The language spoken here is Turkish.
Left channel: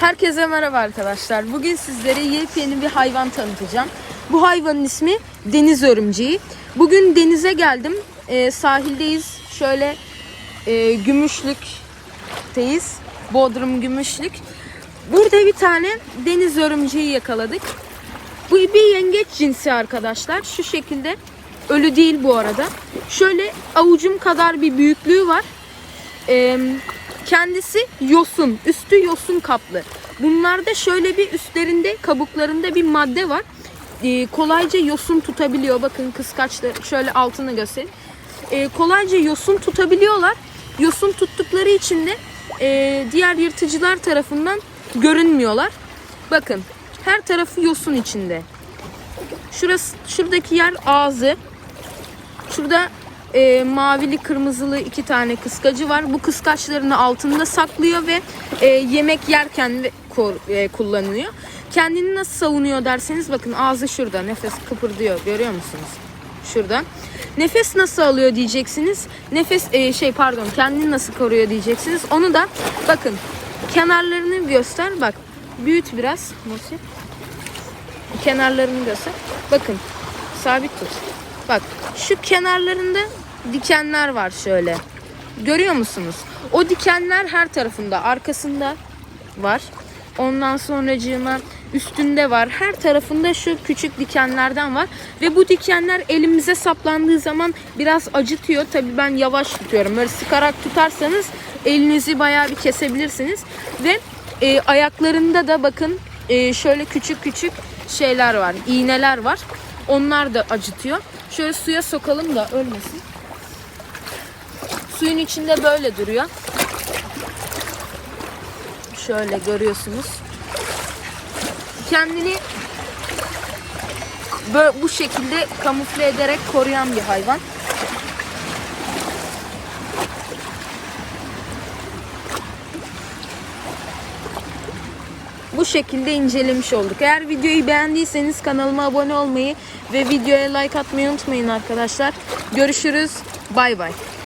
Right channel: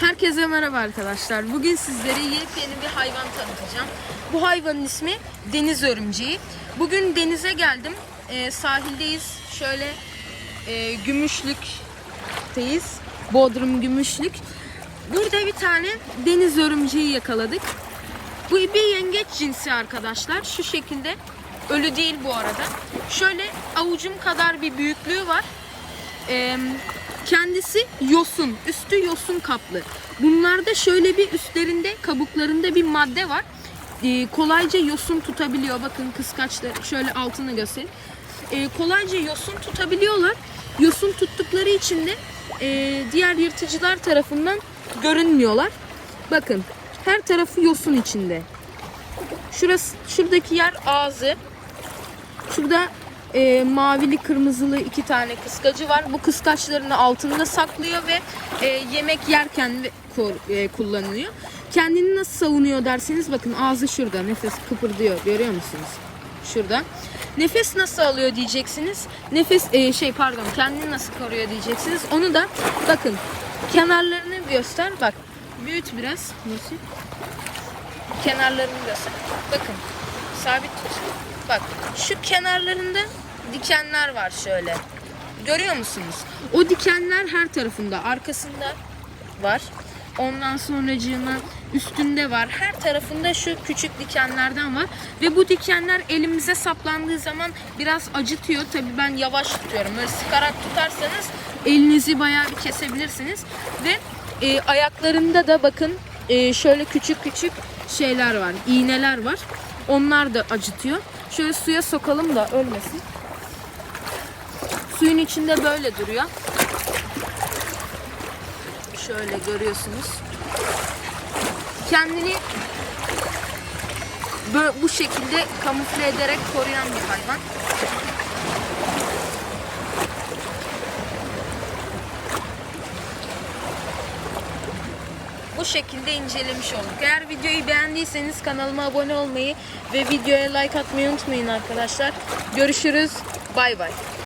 Herkese merhaba arkadaşlar. Bugün sizlere yepyeni bir hayvan tanıtacağım. Bu hayvanın ismi deniz örümceği. Bugün denize geldim. Ee, sahildeyiz. Şöyle e, Gümüşlük'teyiz. Bodrum Gümüşlük. Burada bir tane deniz örümceği yakaladık. Bu bir yengeç cinsi arkadaşlar. Şu şekilde. Ölü değil bu arada. Şöyle avucum kadar bir büyüklüğü var. Ee, kendisi yosun. Üstü yosun kaplı. Bunlarda şöyle bir üstlerinde kabuklarında bir madde var. Ee, kolayca yosun tutabiliyor. Bakın kıskaçları şöyle altına göstereyim. Ee, kolayca yosun tutabiliyorlar. Yosun tuttukları için de e, diğer yırtıcılar tarafından görünmüyorlar. Bakın her tarafı yosun içinde. Şurası, şuradaki yer ağzı. Şurada e, mavili kırmızılı iki tane kıskacı var. Bu kıskaçlarını altında saklıyor ve e, yemek yerken e, kullanılıyor. Kendini nasıl savunuyor derseniz bakın ağzı şurada nefes kıpırdıyor görüyor musunuz? Şurada. Nefes nasıl alıyor diyeceksiniz. Nefes e, şey pardon kendini nasıl koruyor diyeceksiniz. Onu da bakın kenarlarını göster bak. Büyüt biraz. Nasıl? kenarlarını göster. Bakın sabit tut. Bak şu kenarlarında dikenler var şöyle. Görüyor musunuz? O dikenler her tarafında, arkasında var. Ondan sonracığıma üstünde var. Her tarafında şu küçük dikenlerden var. Ve bu dikenler elimize saplandığı zaman biraz acıtıyor. Tabii ben yavaş tutuyorum. Böyle sıkarak tutarsanız elinizi bayağı bir kesebilirsiniz. Ve e, ayaklarında da bakın e, şöyle küçük küçük şeyler var. iğneler var. Onlar da acıtıyor. Şöyle suya sokalım da ölmesin. Suyun içinde böyle duruyor. Şöyle görüyorsunuz. Kendini bu şekilde kamufle ederek koruyan bir hayvan. Şekilde incelemiş olduk. Eğer videoyu beğendiyseniz kanalıma abone olmayı ve videoya like atmayı unutmayın arkadaşlar. Görüşürüz. Bay bay.